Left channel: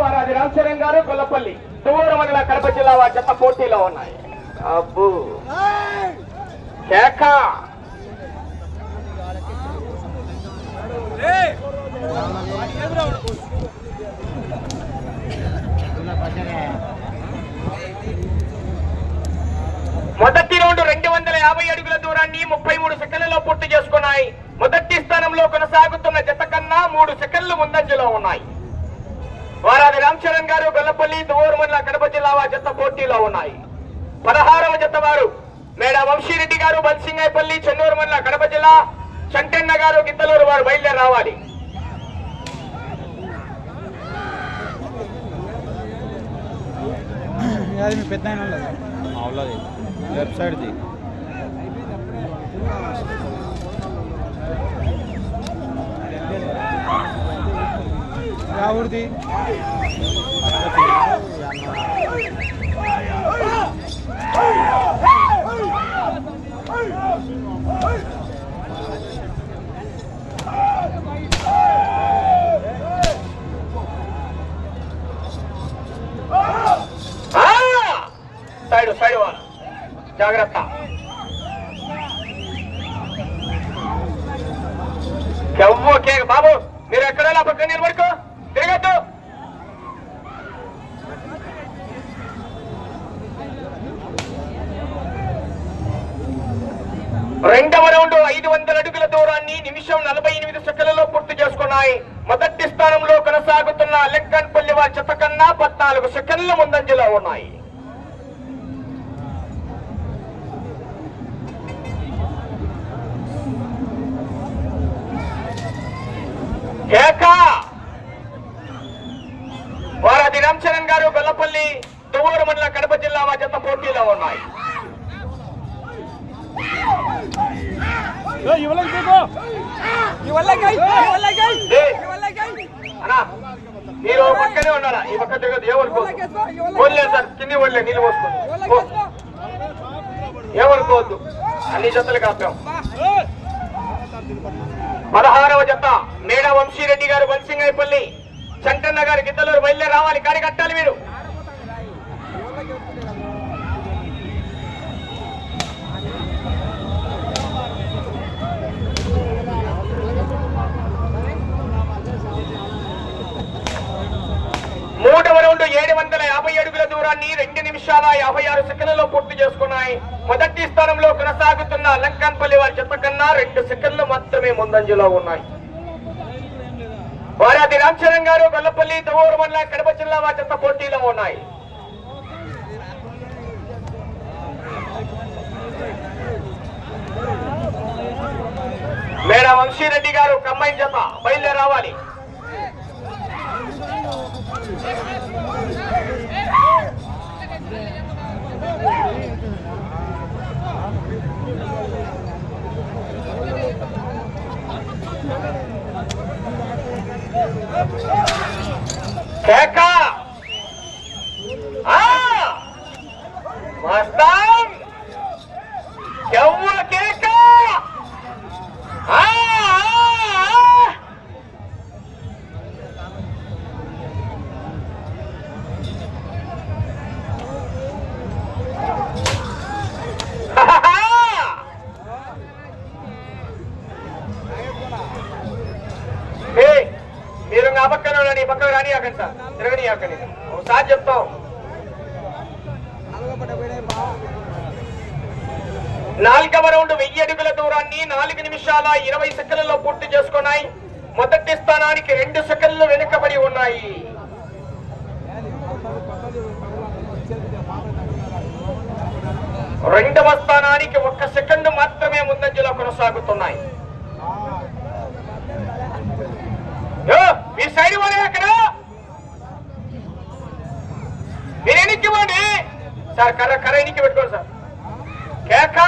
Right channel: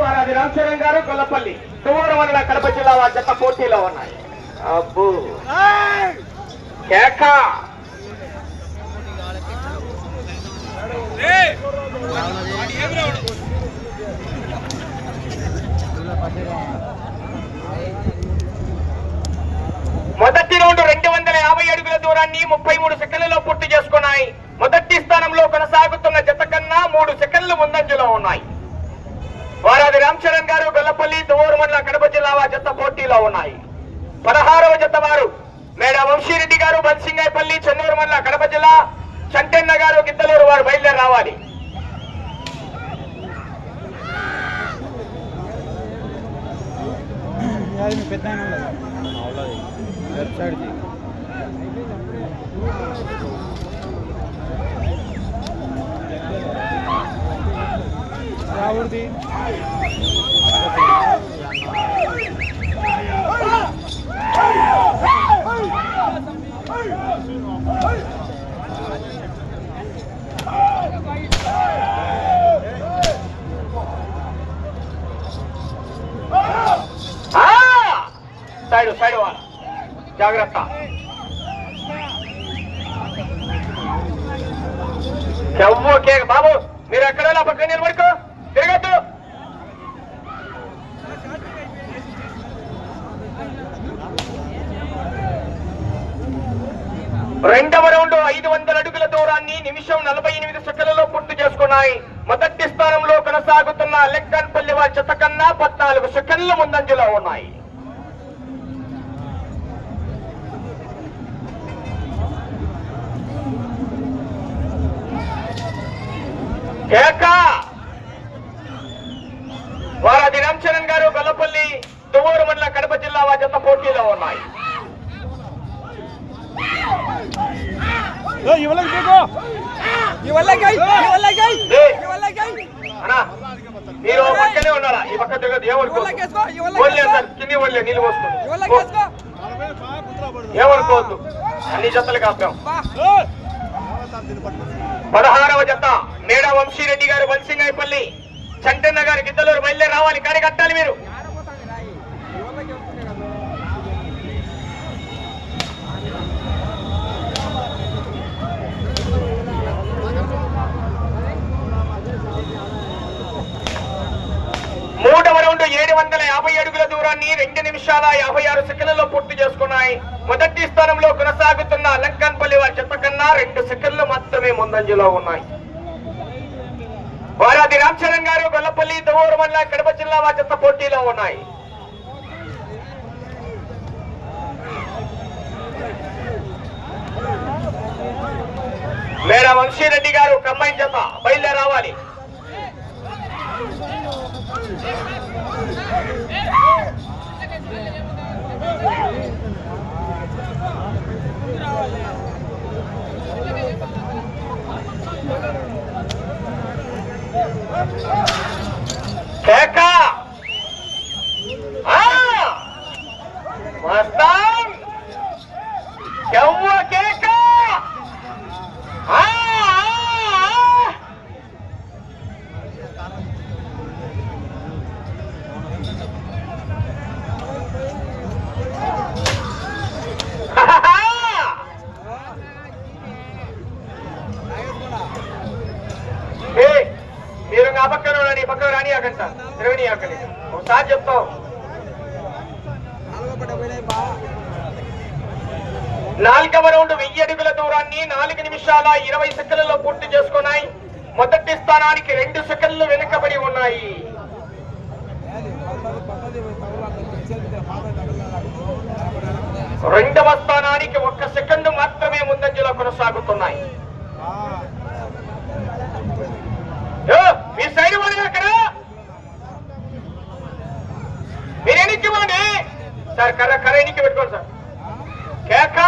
వారాది రామచరణ్ గారు గొల్లపల్లి తువ్వూరు మండల కడప జిల్లా వారి జత పోటీలో ఉన్నాయి. అబ్బు. కేక. మొదటి రౌండ్ రెండు వందల యాభై అడుగుల దూరాన్ని ముప్పై మూడు సెకండ్లలో పూర్తి చేసుకున్నాయి. మొదటి స్థానంలో కొనసాగుతున్న జత కన్నా మూడు సెకండ్లు ముందంజలో ఉన్నాయి. వారాది రామచరణ్ గారు గొల్లపల్లి దువ్వూరు మండల కడప జిల్లా వారి జత పోటీలో ఉన్నాయి. పదహారవ జత వారు మేడ వంశీరెడ్డి గారు బన్సింగాయపల్లి చెన్నూరు మండల కడప జిల్లా చంటన్న గారు గిద్దలూరు వారు బయలుదేరి రావాలి. పెద్ద ఆయన రావుడిది సైడ్ సైడ్ వాళ్ళ జాగ్రత్త. ఎవ్వో బాబు మీరు ఎక్కడైనా పక్కన నిలబడుకో. తిరగద్దు. రెండవ రౌండ్ ఐదు వందల అడుగుల దూరాన్ని నిమిషం నలభై ఎనిమిది సెకండ్లలో పూర్తి చేసుకున్నాయి. మొదటి స్థానంలో కొనసాగుతున్న లెక్కన్పల్లి వారి చెత్త కన్నా పద్నాలుగు సెకండ్ల ముందంజలో ఉన్నాయి. కేక! వారాది రామచరణ్ గారు గల్లపల్లి దువ్వూరు మండల కడప జిల్లా వారి జత పోటీలో ఉన్నాయి. మీరు పక్కనే ఉన్నారా ఈ పక్క తిరగదు సార్ కింది ఓన్లే నీళ్ళు పోసుకోండి ఏమనుకోవద్దు అన్ని జతలు కాపాం. పదహారవ జత. మేడ వంశీరెడ్డి గారు బన్సింగాయపల్లి శంకర్ నగర్ గిద్దలూరు బయలుదేరి రావాలి. కానీ కట్టాలి మీరు? మూడవ రౌండ్ ఏడు వందల యాభై అడుగుల దూరాన్ని రెండు నిమిషాల యాభై ఆరు సెకండ్లలో పూర్తి చేసుకున్నాయి. మొదటి స్థానంలో కొనసాగుతున్న లంకన్పల్లి వారి చెత్త కన్నా రెండు సెకండ్లు మాత్రమే ముందంజలో ఉన్నాయి. వారాది రామచరణ్ గారు గొల్లపల్లి దువ్వూరు మండల కడప జిల్లా వారి పోటీలో ఉన్నాయి. మేడం వంశీరెడ్డి గారు కమ్మాయి జత బయలుదేరి రావాలి చెప్తాం నాలుగవ రౌండ్ వెయ్యి అడుగుల దూరాన్ని నాలుగు నిమిషాల ఇరవై సెకండ్లలో పూర్తి చేసుకున్నాయి. మొదటి స్థానానికి రెండు సెకండ్లు వెనుకబడి ఉన్నాయి. రెండవ స్థానానికి ఒక్క సెకండ్ మాత్రమే ముందంజలో కొనసాగుతున్నాయి. మీ సైడ్ వాడే అక్కడ మీరు ఎనికి ఇవ్వండి? సార్ కర్ర కర్ర ఎనికి పెట్టుకోండి సార్. కేక!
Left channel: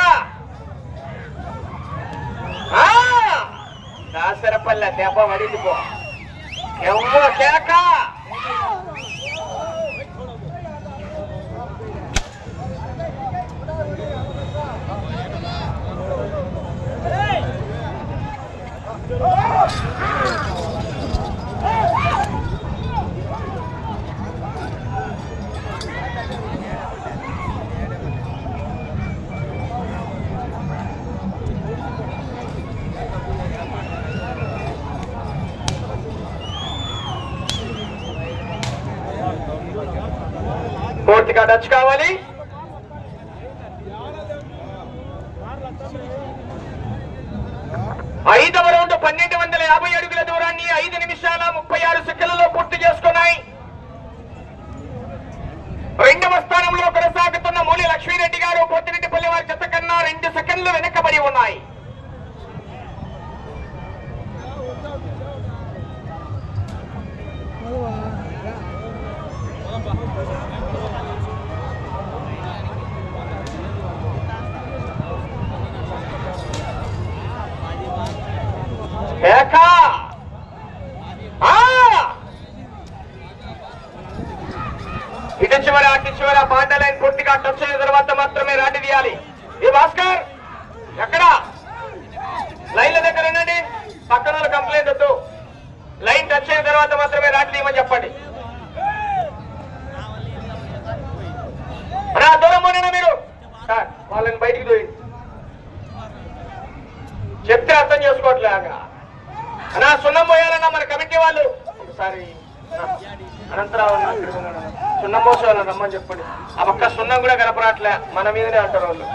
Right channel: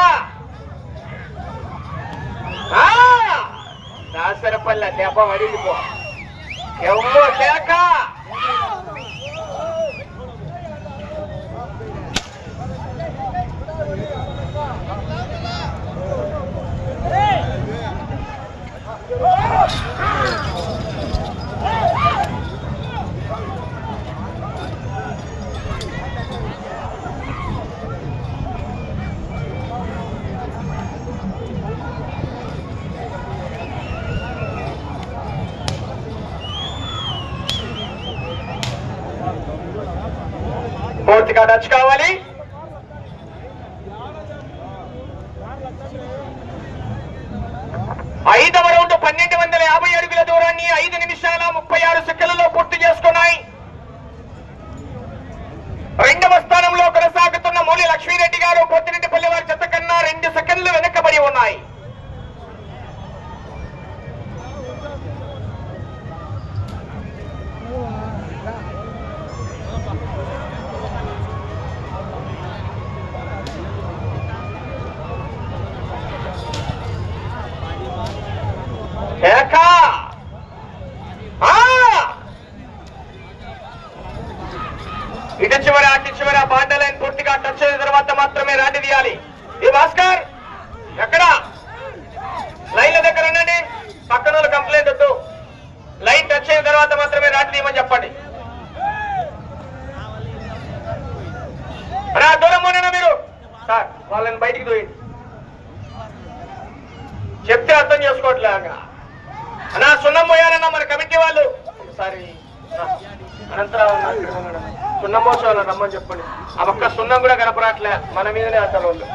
దాసరపల్ల దెబ్బ పడింది పో. ఎవ్వ కేక! Oh! గట్టిగా నచ్చుకోవాలి ఐదవ రౌండ్ పన్నెండు వందల యాభై అడుగుల దూరాన్ని ఐదు నిమిషాల ముప్పై ఆరు సెకండ్లలో పూర్తి చేసుకున్నాయి. రెండవ స్థానంలో కొనసాగుతున్న మూలి లక్ష్మీరెడ్డి గారు పొత్తిరెడ్డిపల్లి వారి జత కన్నా రెండు సెకండ్లు వెనకబడి ఉన్నాయి. ఇటు చివర అటు చివర బాండ లైన్ పూర్తిగా టచ్ అయిన తర్వాత మాత్రమే రాటి తీయాలి. ఈ భాస్కర్ ఎక్కడ? లైన్ల దగ్గర ఉండండి. పక్కన వాళ్ళు కంప్లైంట్ వద్దు. లైన్ టచ్ అయిన తర్వాత మాత్రమే రాటి తీయమని చెప్పండి. అన్నా దూరం ఉన్నానా మీరు. సార్ వాళ్ళని బయటికి దూయండి. చెప్తే అర్థం చేసుకోవట్లే అక్కడ అన్నా సున్నం పోయాలన్నా మన కమిటీ వాళ్ళు. సారీ అనంతరావు అన్న వాళ్ళు సున్నం రమ్మని చెప్పండి. ఆ ఒక్క సున్నం కూడా కనపరాట్లే మన మీదనే అంటారు వాళ్ళు.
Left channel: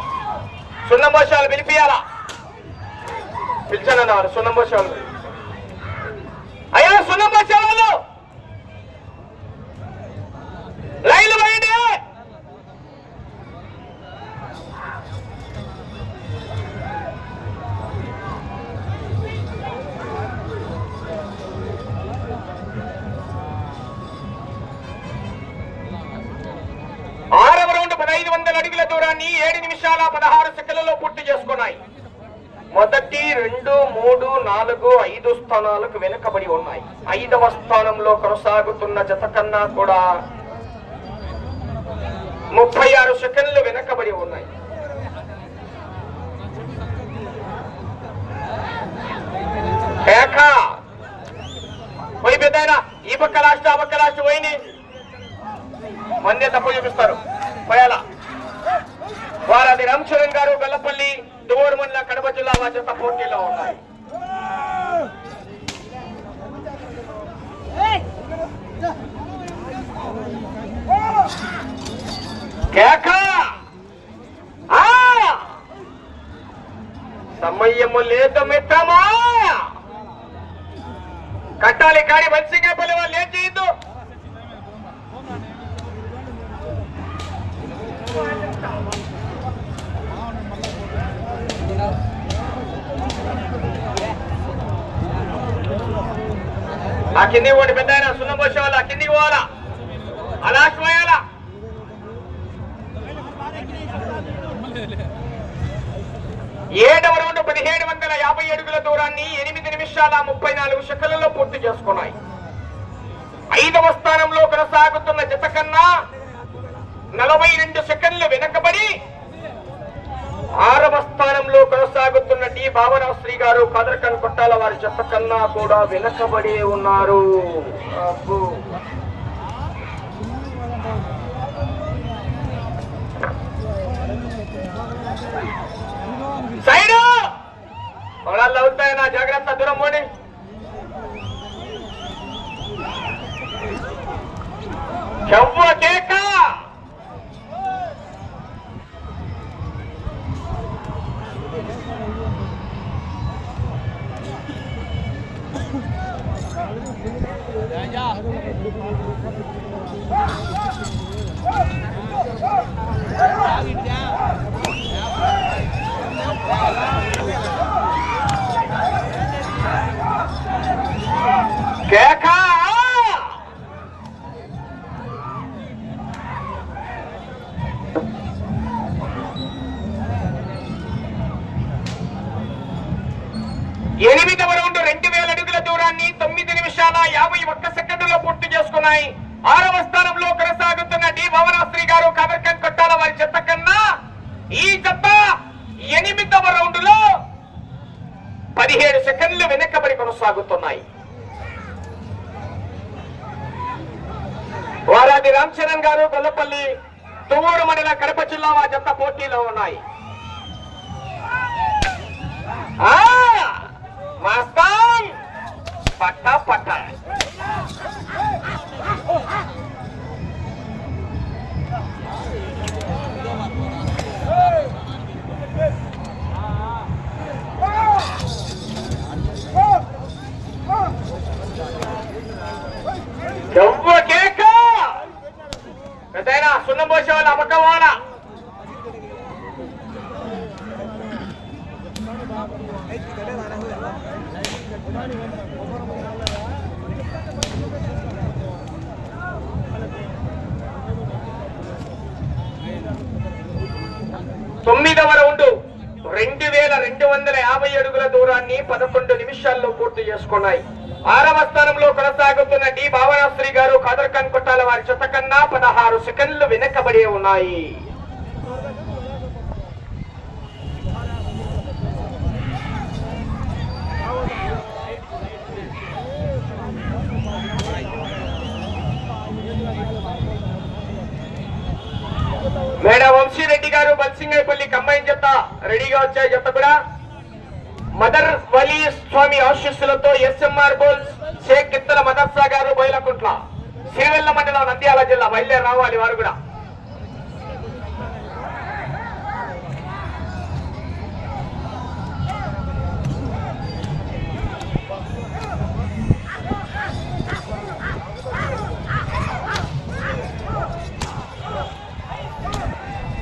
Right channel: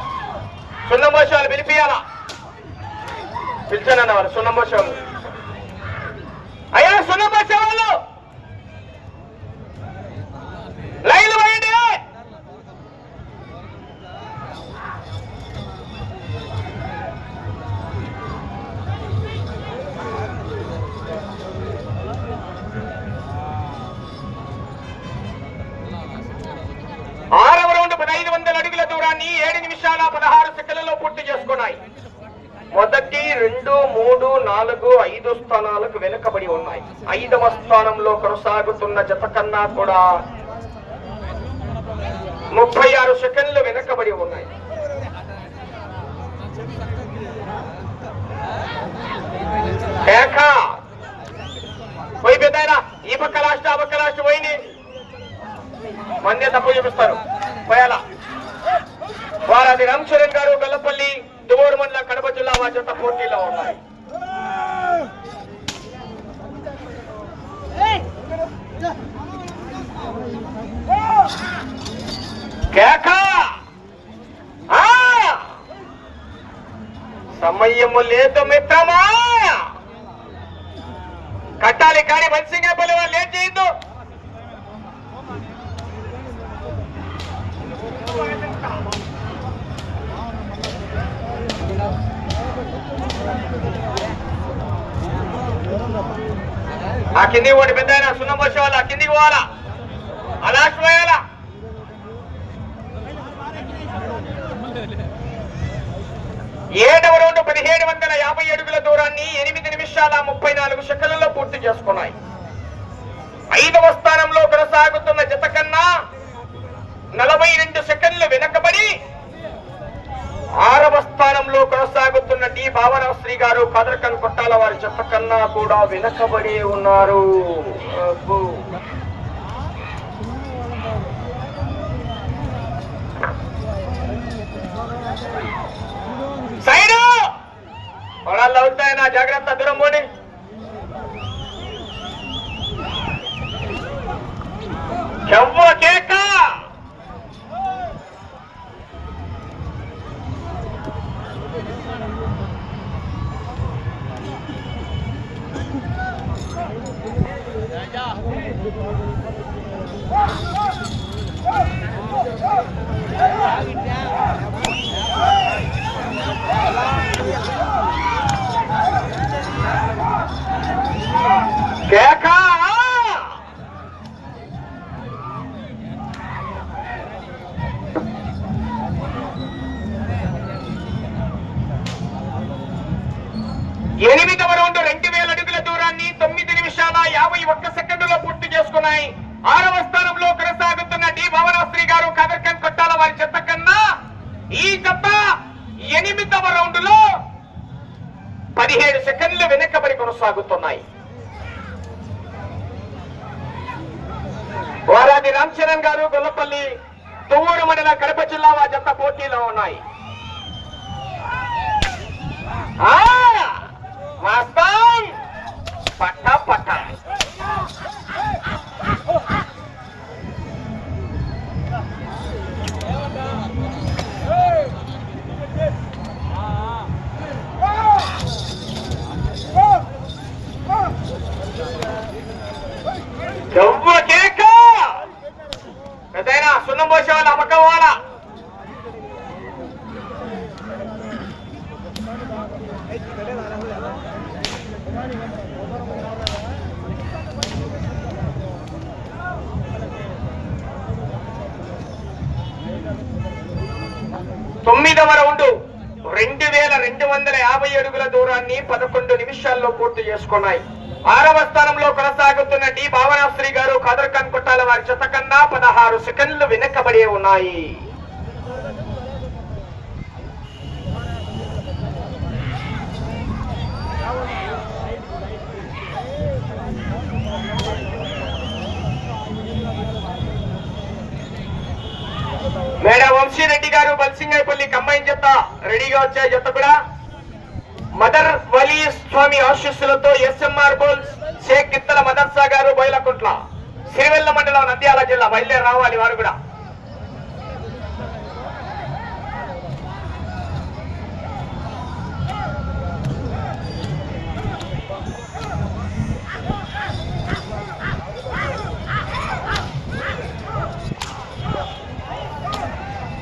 సున్నం పోసే వాళ్ళు పిలిపియాలా పిలిచానన్న వాళ్ళు సున్నం పోసే వాళ్ళు దూరాన్ని ఏడు నిమిషాల పదహారు సెకండ్లలో పూర్తి చేసుకున్నాయి. మొదటి రెండు మూడు నాలుగు ఐదు స్థానాలకు వెనుకబడి ఉన్నాయి. ఐదవ స్థానంలో కొనసాగుతున్న జత కన్నా కూడా ముప్పై ఆరు సెకండ్లు వెనుకబడి ఉన్నాయి. కేక పోయి పెద్దాయన ఈ పక్క రాష్ట్ర ఆ పక్క లాస్ట్ పోయింది. మంది తక్కువ చూపిస్తారు. పోయాలా? వారాన్ని రామచరణ్ గారు బెల్లపల్లి దువ్వూరు మండలం కడప జిల్లా వాచంత పోటీలో ఉన్నారు సమయము లేదు మిత్రమా! కట్టాలి కానీ మనిషిగా పల్లె వాళ్ళు ఏం చేయొద్దు? కిందికి పోటీ పెద్ద సున్నం పోసే కిందికి పోవాలా? ఆ లాస్ట్ పోయాలా? ఏడవ రౌండ్ పదిహేడు వందల యాభై అడుగుల దూరాన్ని ఎనిమిది నిమిషాల ముప్పై నాలుగు సెకండ్లలో పూర్తి చేసుకున్నాయి. ఐదవ స్థానంలో కొనసాగుతున్న జత కన్నా నలభై రెండు సెకండ్లు వెనకబడి ఆరవ సంతానంలో కొనసాగుతున్న డి. భావనశ్రీ గారు కదరకన్ కొట్టాల వారి జత కన్నా కూడా వెనకబడి ఉన్నారు. అబ్బో. పొలాల్లో అవుతాయి నా జాగ్రత్త దూరం పోనీ చెవ్వ కేకా! కేక! ఎనిమిదవ రౌండ్ రెండు వేల అడుగుల దూరాన్ని తొమ్మిది నిమిషాల యాభై ఒక్క సెకండ్లలో పూర్తి చేసుకున్నాయి. ఆరవ స్థానంలో కొనసాగుతున్న డి. భవనాశ్రీ గారు కదర్కన్ కొట్టాల వారి చెత్త కన్నా ఈ చెత్త ఎనిమిదవ రౌండ్లో పదిహేడు సెకండ్లు వెనకబడి కొనసాగుతుంది. వారాది రామ్ చరణ్ గారు గొల్లపల్లి తువ్వూరు మండల కడప జిల్లా మా జత పోటీలో ఉన్నాయి. ఆ! పట్ట పట్ట. తొమ్మిదవ రౌండ్. రెండు వేల రెండు వందల యాభై అడుగుల దూరాన్ని పదకొండు నిమిషాల్లో పూర్తి చేసుకున్నాయి. ఆరవ స్థానంలో కొనసాగుతున్న డి. భావనాశ్రీ గారు కదర్కన్ కొట్టాల వారి చెత్త కన్నా పదహారు సెకండ్లు వెనకబడి ఉన్నాయి మేడం వంశీరెడ్డి గారు బల్సింగైపల్లి కంబైన్ జత రెడీగా వచ్చే జత కూడా మదర్ వలీ స్వామి ఆశీస్సులతో ఎస్ఎంఆర్ బోల్ షేక్ కిత్తల మదర్సా గారు బయలకుంట్ల సిరివెల్ల మండలం నంద్యాల జిల్లా బయలుదేరి రావాలి వారు కూడా.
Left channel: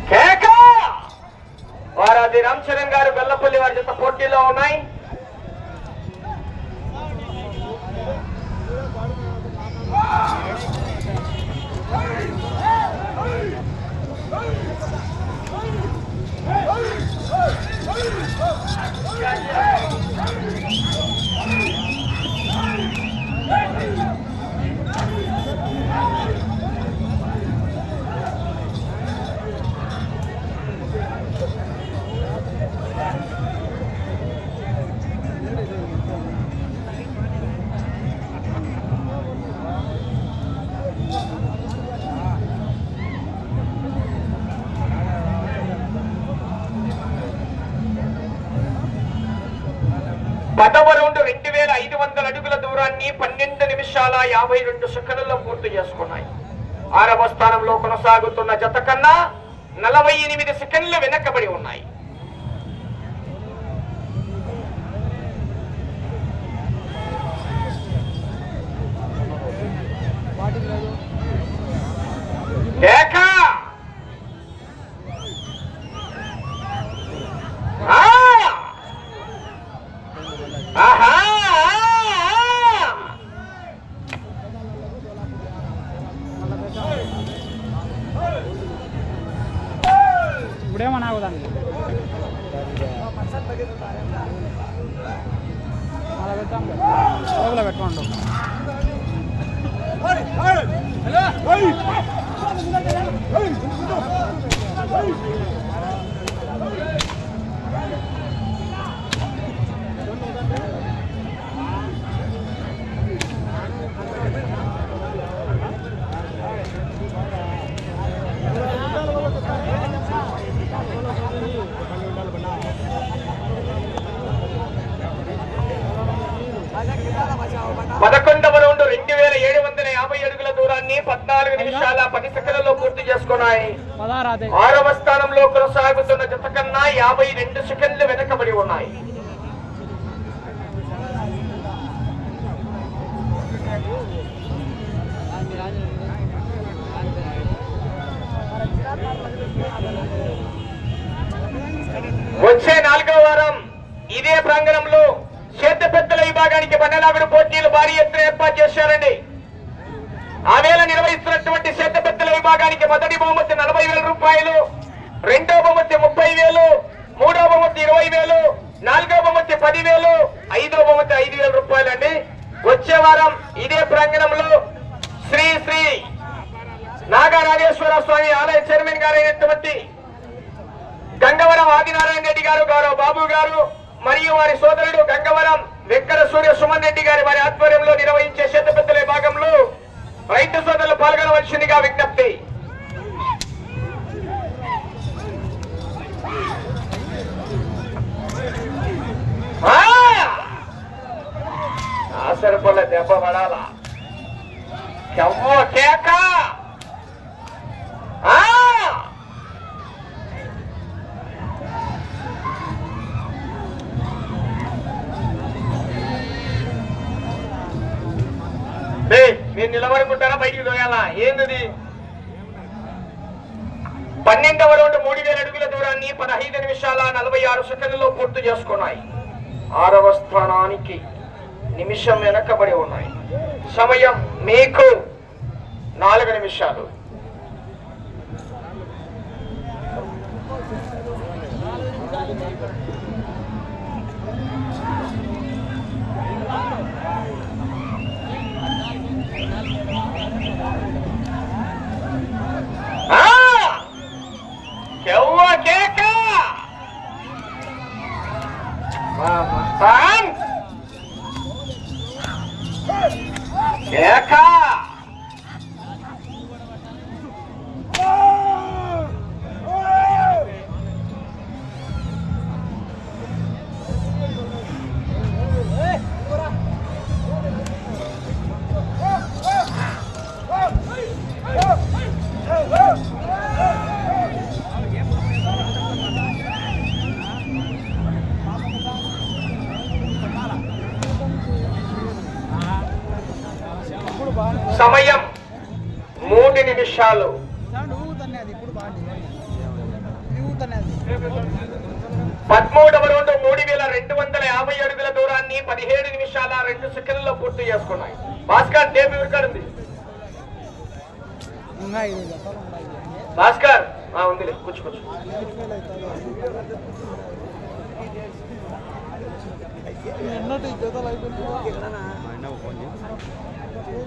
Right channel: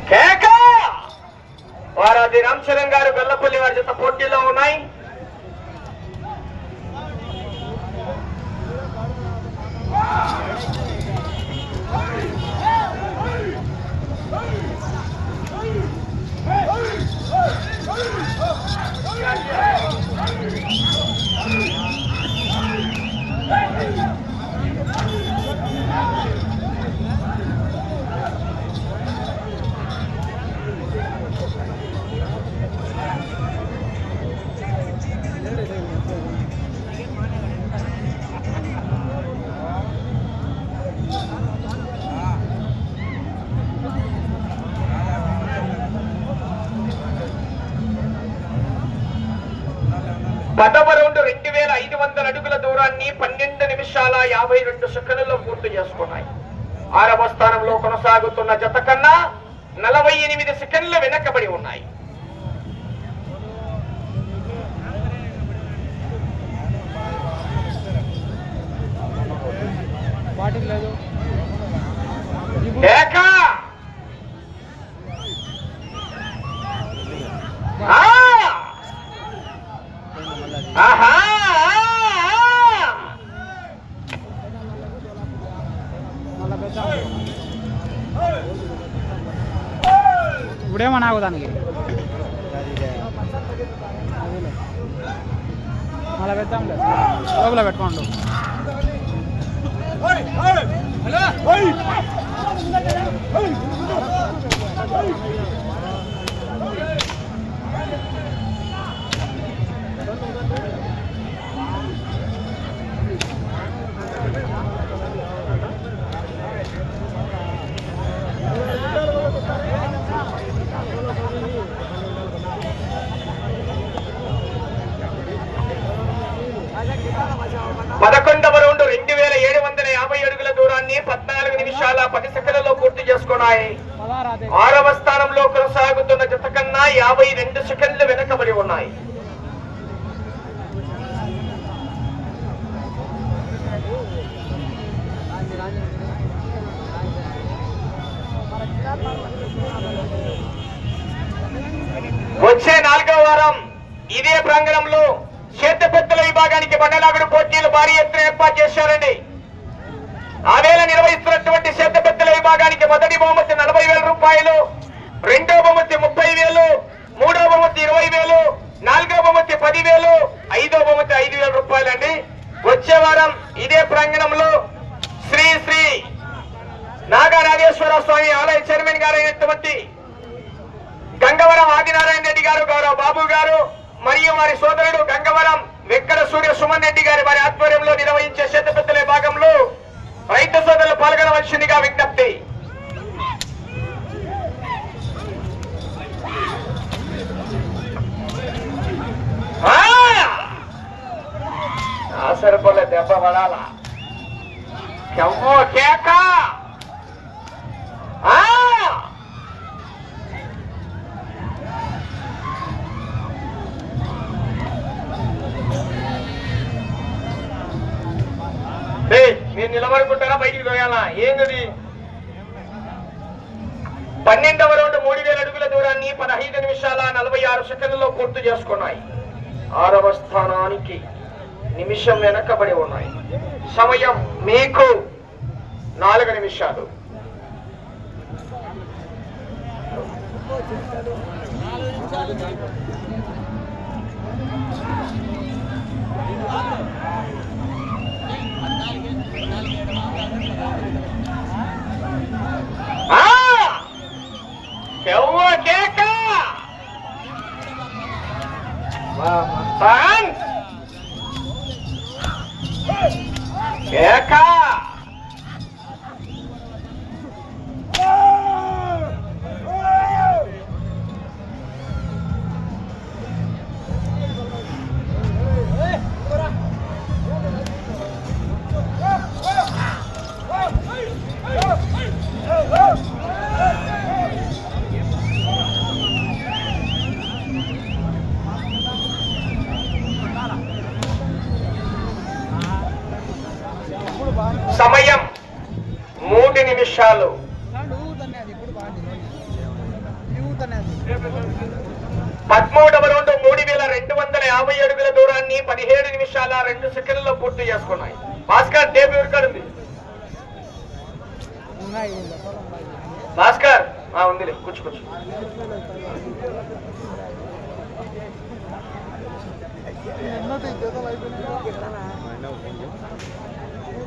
కేక! వారాది రామచరణ్ గారు గొల్లపల్లి వారి జత పోటీలో ఉన్నాయి. గతవ రౌండ్ రెండు వేల ఐదు వందల అడుగుల దూరాన్ని పన్నెండు నిమిషాల యాభై రెండు సెకండ్లలో పూర్తి చేసుకున్నాయి. ఆరవ స్థానంలో కొనసాగుతున్న జత కన్నా నలభై ఎనిమిది సెకండ్లు వెనకబడి ఉన్నాయి. వాటికి లేదు కేక ఆ! ఆహా! ఇప్పుడేమో నాకు దానికి అలా పెద్దాం లోపల పెట్టుకోండు పదకొండవ రౌండ్ రెండు వేల ఏడు వందల యాభై అడుగుల దూరాన్ని నిమిషాల పది సెకండ్లలో పూర్తి చేసుకున్నాయి. ఆరవ స్థానంలో కొనసాగుతున్న జత కన్నా యాభై రెండు సెకండ్లు వెనకబడి ఉన్నాయి. వచ్చే నాలుగో వారం ఇదే ప్రాంగణంలో చేతపెత్తల విభాగానికి బండలాగుడు పోటీలు భారీ ఎత్తున ఏర్పాటు చేశారండి. ఆ వేళ నిర్వహిస్తున్నటువంటి చేతపెత్తల విభాగానికి మొదటి బహుమతి నలభై వేల రూపాయలు రెండో బహుమతి ముప్పై వేలు మూడో బహుమతి ఇరవై వేలు నాలుగో బహుమతి పది వేలు ఐదో బహుమతి ఐదు వేల రూపాయలు అండి వచ్చే వారం ఇదే ప్రాంగణంలో శ్రీ శ్రీ నాగరాజేశ్వర స్వామి ఆలయ చైర్మన్ గారైనటువంటి గంగవరం ఆదినారాయణ రెడ్డి గారు గౌరవ బాబు గారు మరియు వారి సోదరుడు గంగవరం వెంకట సూర్య సుమన్ రెడ్డి గారి వారి ఆధ్వర్యంలో నిర్వహించే శతపెద్దల భాగంలో రైతు సోదరులు పాల్గొనవలసిందిగా విజ్ఞప్తి. ఆ! ఆసరపల్ల దెబ్బ పడాలా? కేక! మీరు నిలబడుకుంటారా? బయటికి తోయాలా ఏంది పన్నెండవ రౌండ్ మూడు వేల అడుగుల దూరాన్ని పదహైదు నిమిషాల నలభై ఆరు సెకండ్లలో పూర్తి చేసుకున్నాయి. ఆరవ స్థానానికి నిమిషం వెనకబడి ఉన్నాయి. సమయం మీకు నాలుగు నిమిషాలు ఆ! ఎవ్వ కేక మూడు నిమిషాలు. పదమూడవ రౌండ్ మూడు వేల రెండు వందల యాభై అడుగుల దూరాన్ని పదిహేడు నిమిషాల రెండు సెకండ్లలో పూర్తి చేసుకున్నాయి. భాస్కర్ జతలు ఉన్నాయి భాస్కర్ ఆ, ఉందిలే కూర్చో కూర్చో. ఎన్నటి జతలు అయిపోయినాయో ఇల్లు మన ఆ! కేక ఆహా ఆ! సున్నాముడా మూడు లైవ్ తీసుకుంటారు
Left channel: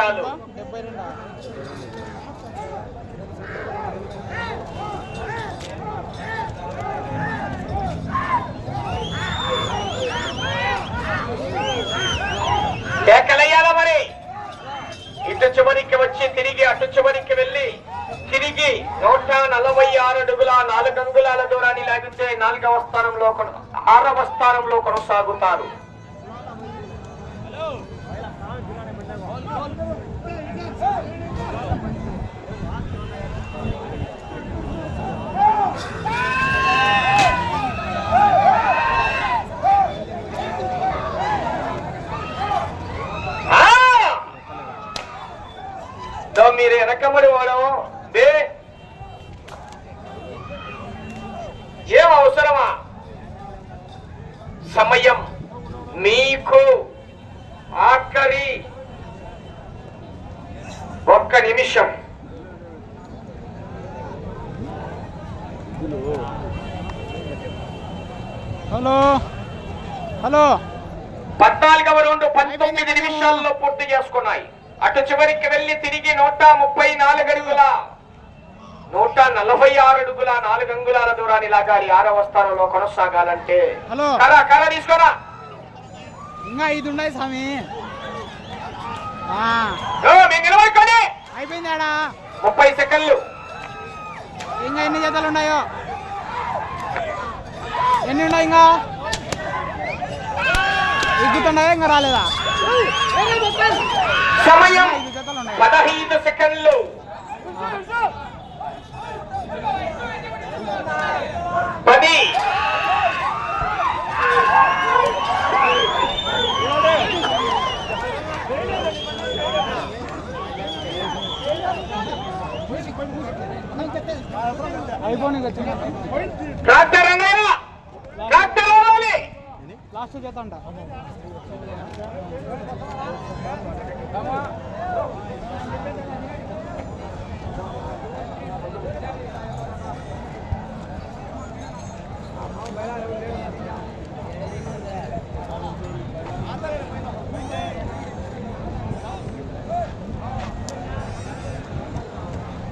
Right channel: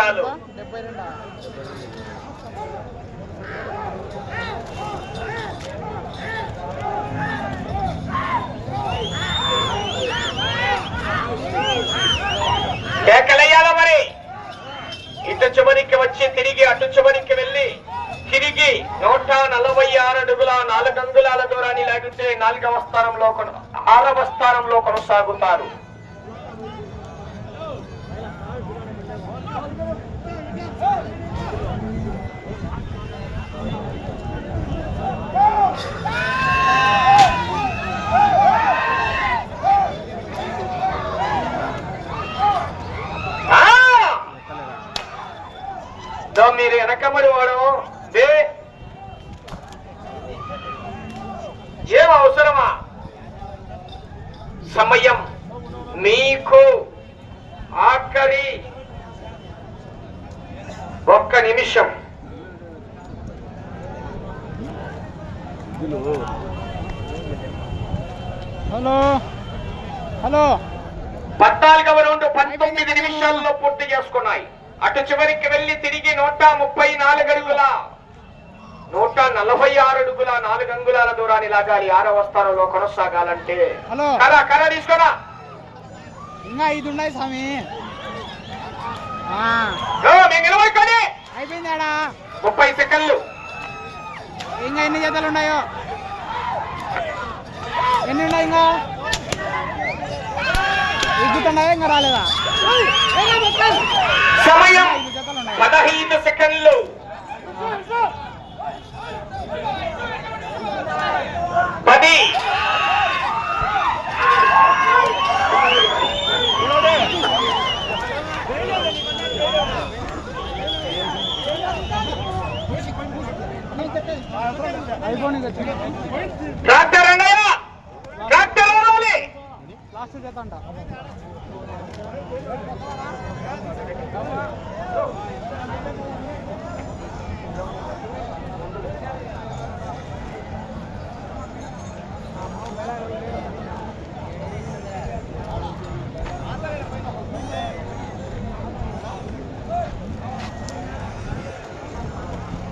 నిమిషాలు. డెబ్బై కేకలయ్యాల మరి? ఇటు చివరికి వచ్చి తిరిగి అటు చివరికి వెళ్ళి తిరిగి నూట నలభై ఆరు అడుగుల నాలుగు అంగుళాల దూరాన్ని లేకుంటే నాలుగవ స్థానంలో ఆరవ స్థానంలో కొనసాగుతారు ఆ! దో మీరు వెనకబడి వాడు దే. ఏం అవసరమా? సమయం మీకు ఆఖరి ఒక్క నిమిషం. హలో. హలో. పద్నాలుగవ రౌండ్ పంతొమ్మిది నిమిషాల్లో పూర్తి చేసుకున్నాయి. అటు చివరికి వెళ్ళి తిరిగి నూట ముప్పై నాలుగు అడుగుల నూట నలభై ఆరు అడుగుల నాలుగు అంగుళాల దూరాన్ని లాగాలి ఆరవ స్థానంలో కొనసాగాలంటే. కరా కరా తీసుకోరా. ఇంకా ఐదు ఉన్నాయి స్వామి. ఆ, గో, మేము నిలబడుకొని అయిపోయింది ఆడా ముప్పై సెకండ్లు. ఇంకా ఎన్ని జతలు ఉన్నాయో? ఎన్ని ఉన్నాయి ఇంకా? ఎగ్గుతున్నాయా ఇంకా రాలేదా? సమయం పదహైదు సెకండ్లు. పది. అయిపోయి లాస్ట్ జత అంట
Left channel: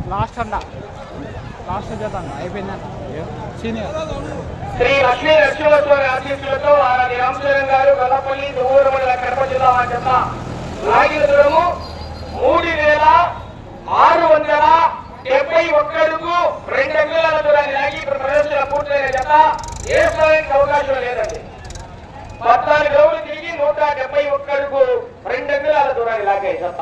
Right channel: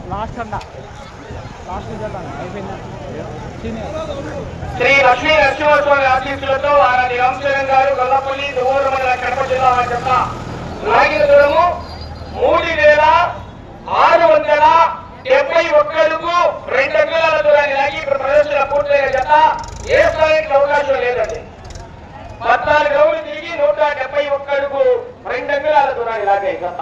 లాస్ట్ అంట లాస్ట్ జత అంట అయిపోయిందంట సీనియర్ శ్రీ లక్ష్మీ లక్ష్మీవారి ఆశీస్సులతో వారి రామచరణ్ గారు గొల్లపల్లి దూరు మండల కడప జిల్లా వారి యొక్క నాగిన దూరము మూడు వేల ఆరు వందల డెబ్బై ఒక్కడుకు రెండు అంగుళాల దూరాన్ని లాగి ఇప్పుడు ప్రదర్శన పూర్తయిన జత వేసుకోవడానికి అవకాశం లేదండి. పద్నాలుగు రోజులు తిరిగి నూట డెబ్బై ఒక్కడుకు రెండు అంగుళాల దూరాన్ని లాగే జత.